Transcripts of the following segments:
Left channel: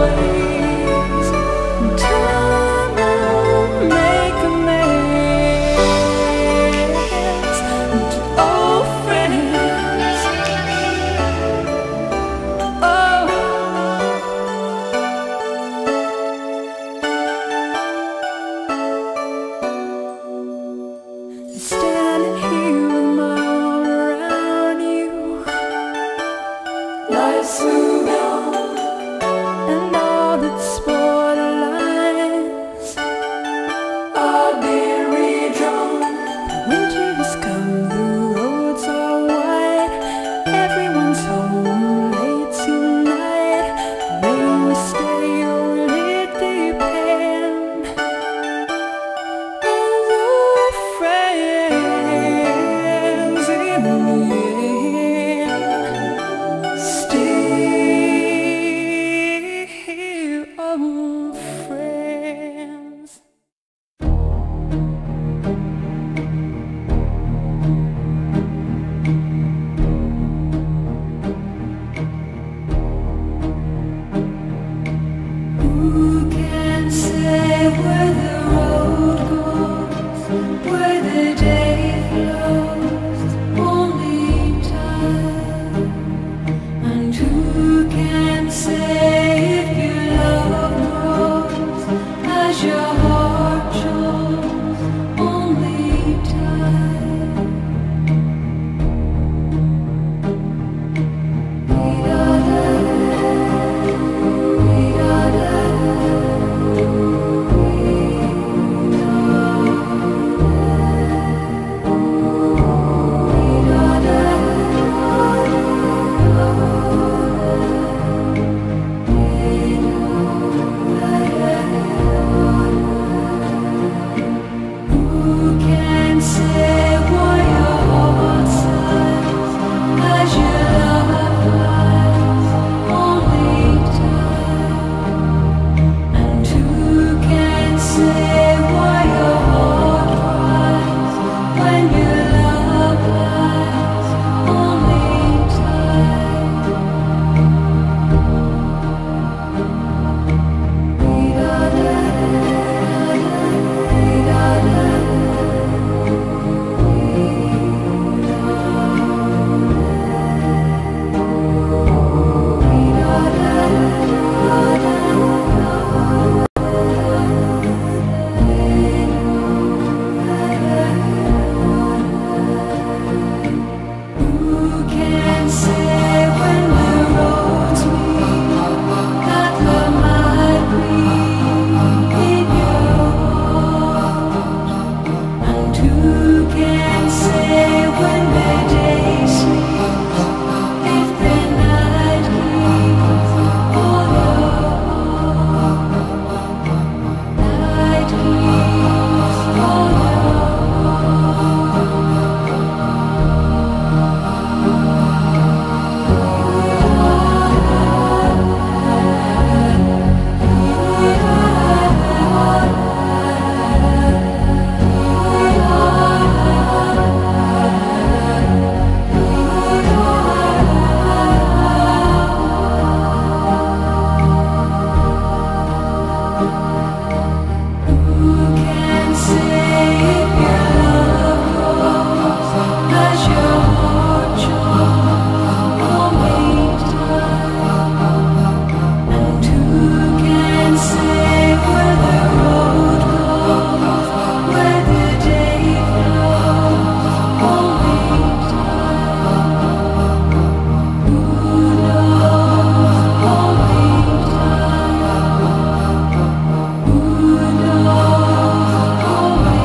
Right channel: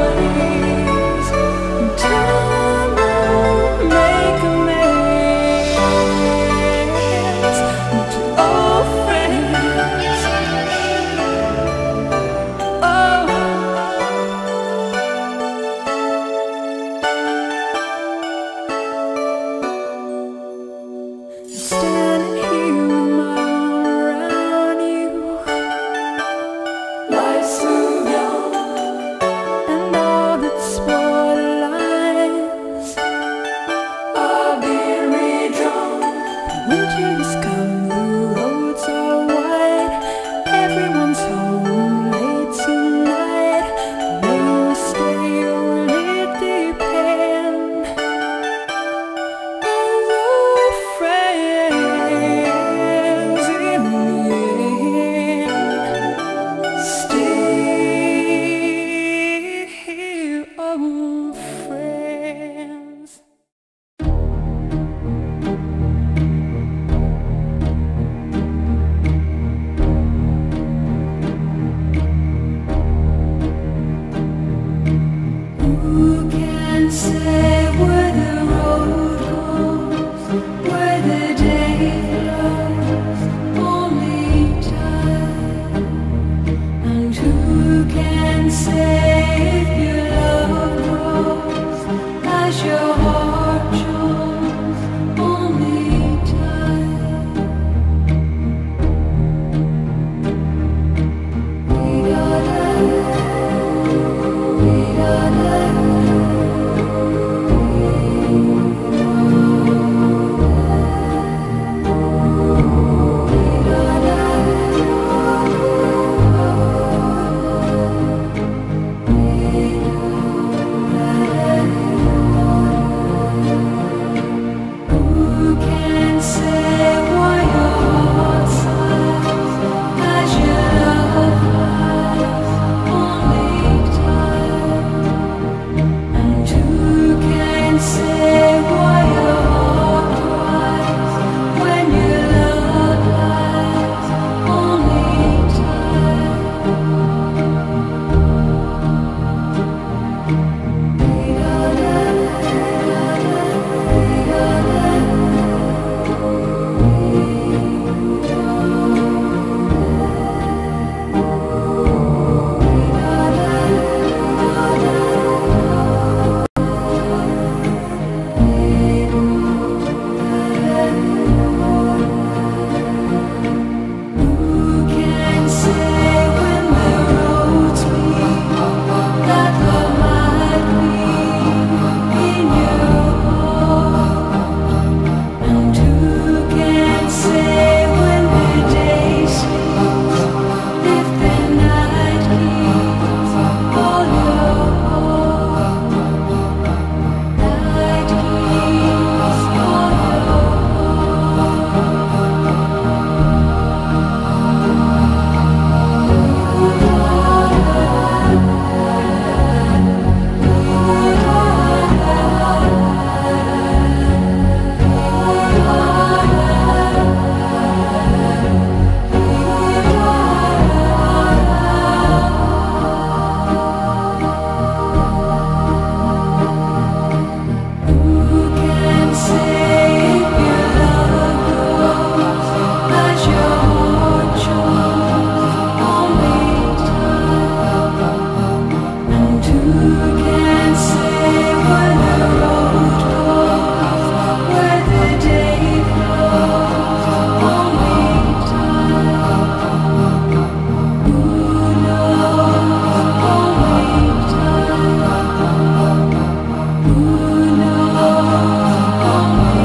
ways. Time won't make amends to old friends. Oh, standing here with my arm around you. Life's moved on, and all that's spoiled lines are being redrawn. Winter has come, the roads are wide, everyone's home late tonight. May we stay or will it depend? As old friends in the end, still old friends. Who can say where the road goes, where the day flows? Only time. And who can say if your love grows as your heart shows? Only time. We gotta, we gotta, who can say why your heart sighs as your love flies? Only time. And who can say why your heart cries when your love lies? Only time. We gotta, we gotta, who can say when the roads meet that love might be in your heart? And who can say when the day sleeps if the night keeps all your heart? Night keeps all your Who can say if your love grows as your heart shows? Only time. And who can say where the road goes, where the day flows? Only time. Who knows? Only time. Who knows? Only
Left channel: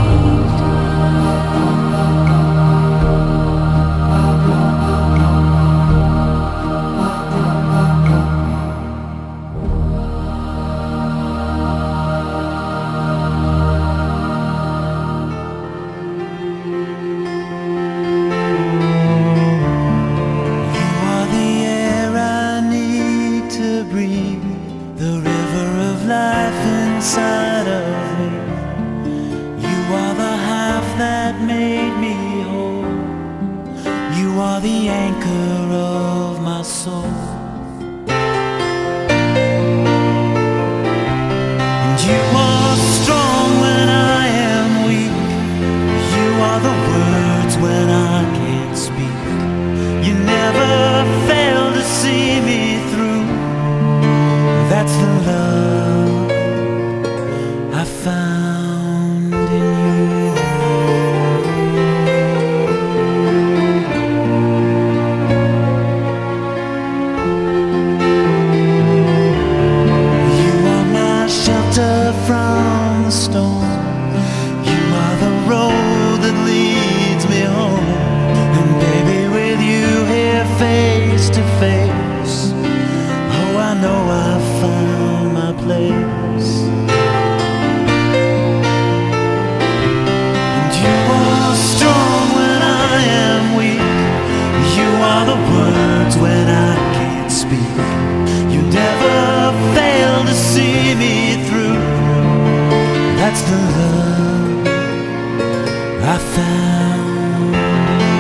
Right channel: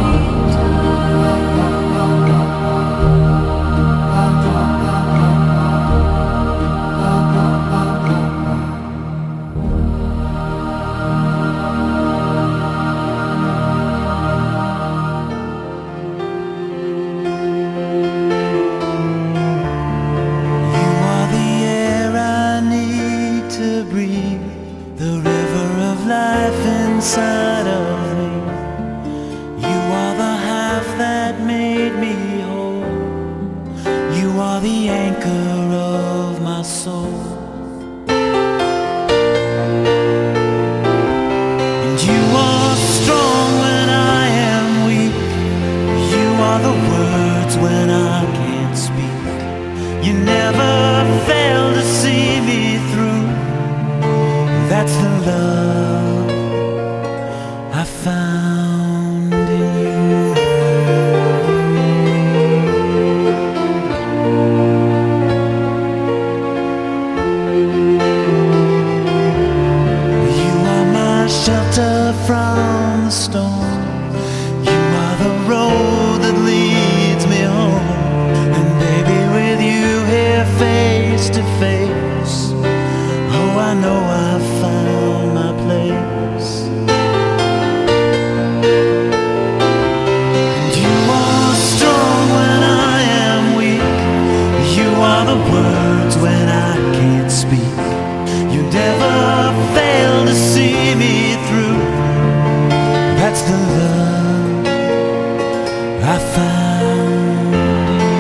You are the air I need to breathe, the river of life inside of me. You are the half that made me whole. You are the anchor of my soul. You are strong when I am weak. You are the words when I can't speak. You never fail to see me through. That's the love I found in you. You are my shelter from the storm. You are the road that leads me home. And baby, with you here face to face, oh, I know I've found my place. And you are strong when I am weak. You are the words when I can't speak. You never fail to see me through. That's the love I found in you.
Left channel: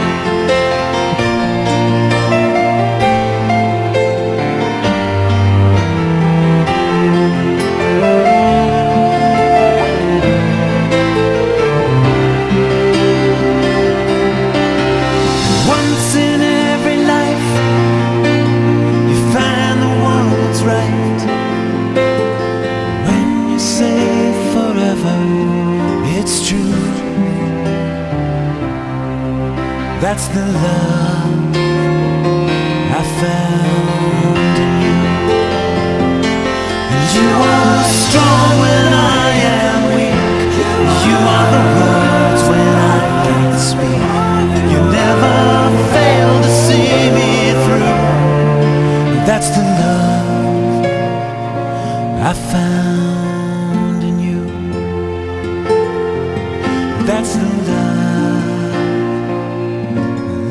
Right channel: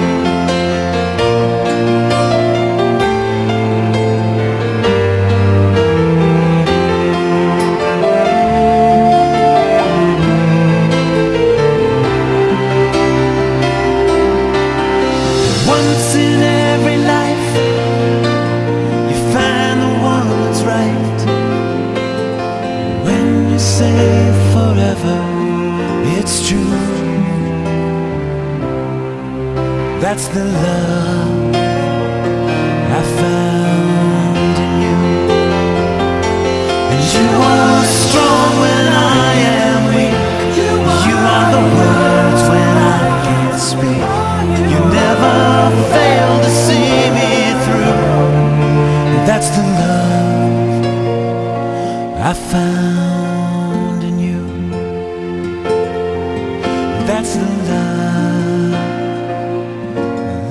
Once in every life, you find the one that's right. When you say forever, it's true. That's the love I found in you. And you are strong when I am weak. You are the words when I can't speak. You never fail to see me through. That's the love I found in you. That's the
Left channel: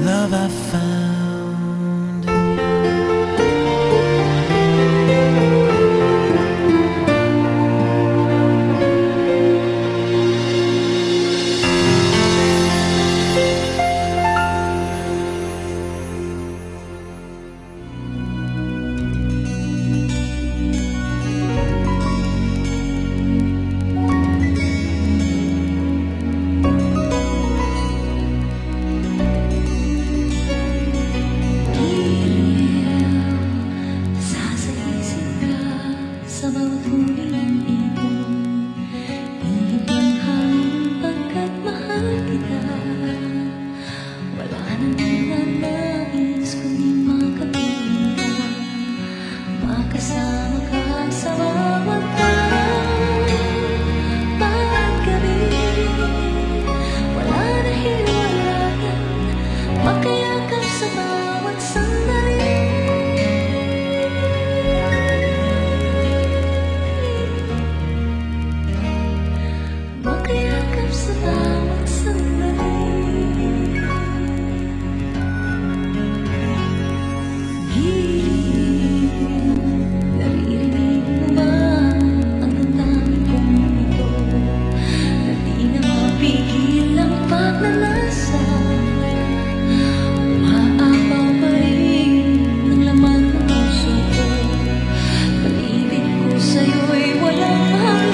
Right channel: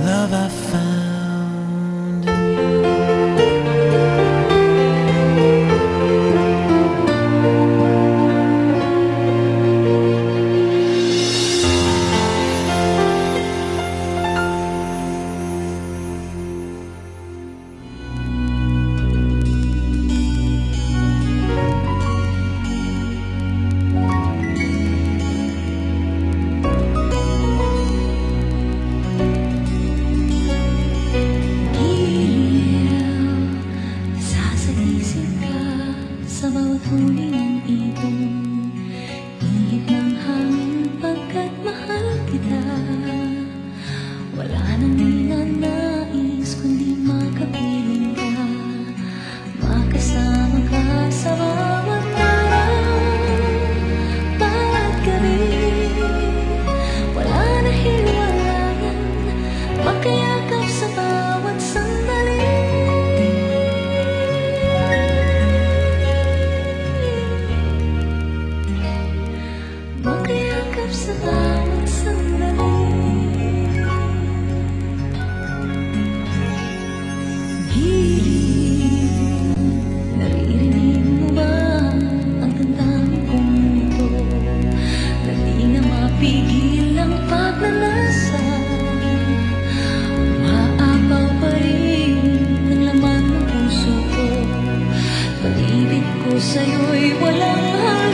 love I found in you. Sa bawat huli ng ibon, ihip ng hangin pagkat mahal kita. Wala nang ninanais kundi makapiling ka, makasama ka sa bawat araw, bawat gabi. Wala na hiwalayan, makayakap sa bawat sandali. Makayakap sa bawat sandali. Giliw, naririnig mo ba ang damdamin kong ito, na di na mapigil ang pagnanasa? Umaapaw pa rin ng laman ng puso ko, pag-ibig ko sa'yo'y walang hanggan.